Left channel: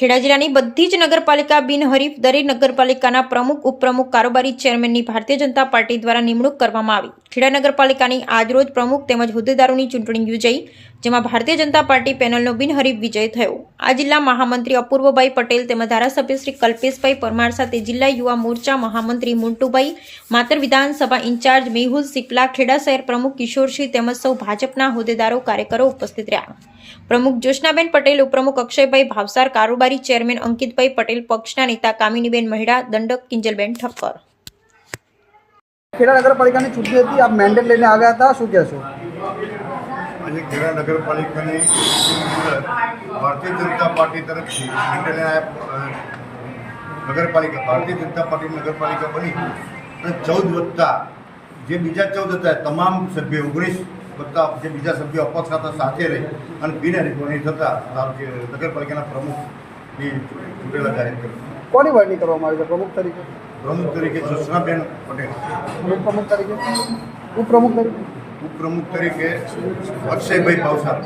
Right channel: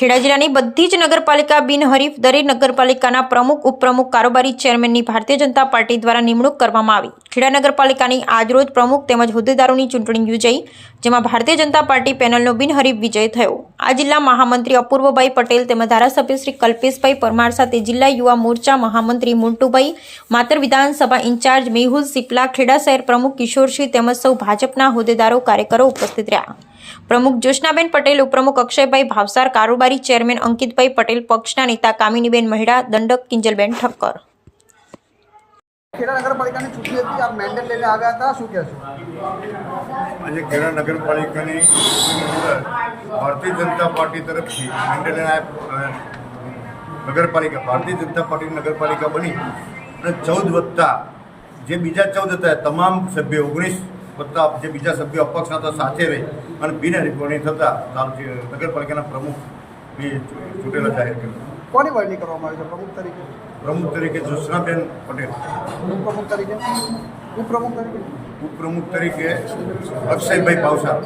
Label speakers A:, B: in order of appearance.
A: ખેડા જિલ્લાની બધી જ નગરપાલિકા બિનહરીફ દરેક નગરપાલિકાના પ્રમુખ, ઉપપ્રમુખ, કારોબારી ચેરમેનની ભારતીય જનતા પાર્ટી દ્વારા નિમણૂક કરવામાં આવી. ખેડા નગરપાલિકાની આજરોજ પ્રમુખ તેમજ હોદ્દેદારોની ચૂંટણી યોજાઈ, જેમાં ભારતીય જનતા પાર્ટી પેનલનો બિનહરીફ વિજય થયો. આ જિલ્લા મહામંત્રી અપૂર્વભાઈ પટેલ તેમજ ધારાસભ્ય શ્રી કલ્પેશભાઈ પરમાર સાથે જિલ્લા યુવા મોરચા મહામંત્રી મોન્ટુભાઈ, માતર વિધાનસભા ઇન્ચાર્જ મેહુલ સિપલા, ખેડા શહેર પ્રમુખ કિશોરસિંહ તેમજ સૌ ભાજપના હોદ્દેદારો, કાર્યકરો ઉપસ્થિત રહ્યા. પ્રમુખ જ્યોત્સનાબેન પટેલ, ઉપપ્રમુખ અક્ષયભાઈ ભાવસાર, કારોબારી ચેરમેન અંકિતભાઈ પટેલ, પક્ષના નેતા કામિનીબેન મહેડા, દંડક કિંજલબેન ઠક્કર.
B: ખેડા નગરપાલિકાની ચૂંટણી હતી. આપ મેન્ડેટ લઈને આવ્યા હતા. શું કહેશો?
C: આજે ખેડા નગરપાલિકાની ભારતીય જનતા પાર્ટી તરફથી નગરપાલિકા ભારતીય જનતા પાર્ટી નગરપાલિકા બની અને ચૌદ વત્તા જે બીજા ચૌદ હતા તમામ સભ્યો ઓગણીસ વત્તા જે બીજા સભ્યો અપક્ષ હતા સાથે રહી અને બિનહરીફોની થતાં નગરપાલિકાના પ્રમુખની ચૂંટેલા જાહેર કરી
B: કોની વરણી કરવામાં આવી છે? પ્રમુખ તરીકે?
C: પ્રમુખ તરીકે જ્યોત્સનાબેન પટેલ.
B: પ્રમુખ તરીકે? ઉપપ્રમુખ તરીકે?
C: ઉપપ્રમુખ તરીકે અક્ષયભાઈ ભાવસાર.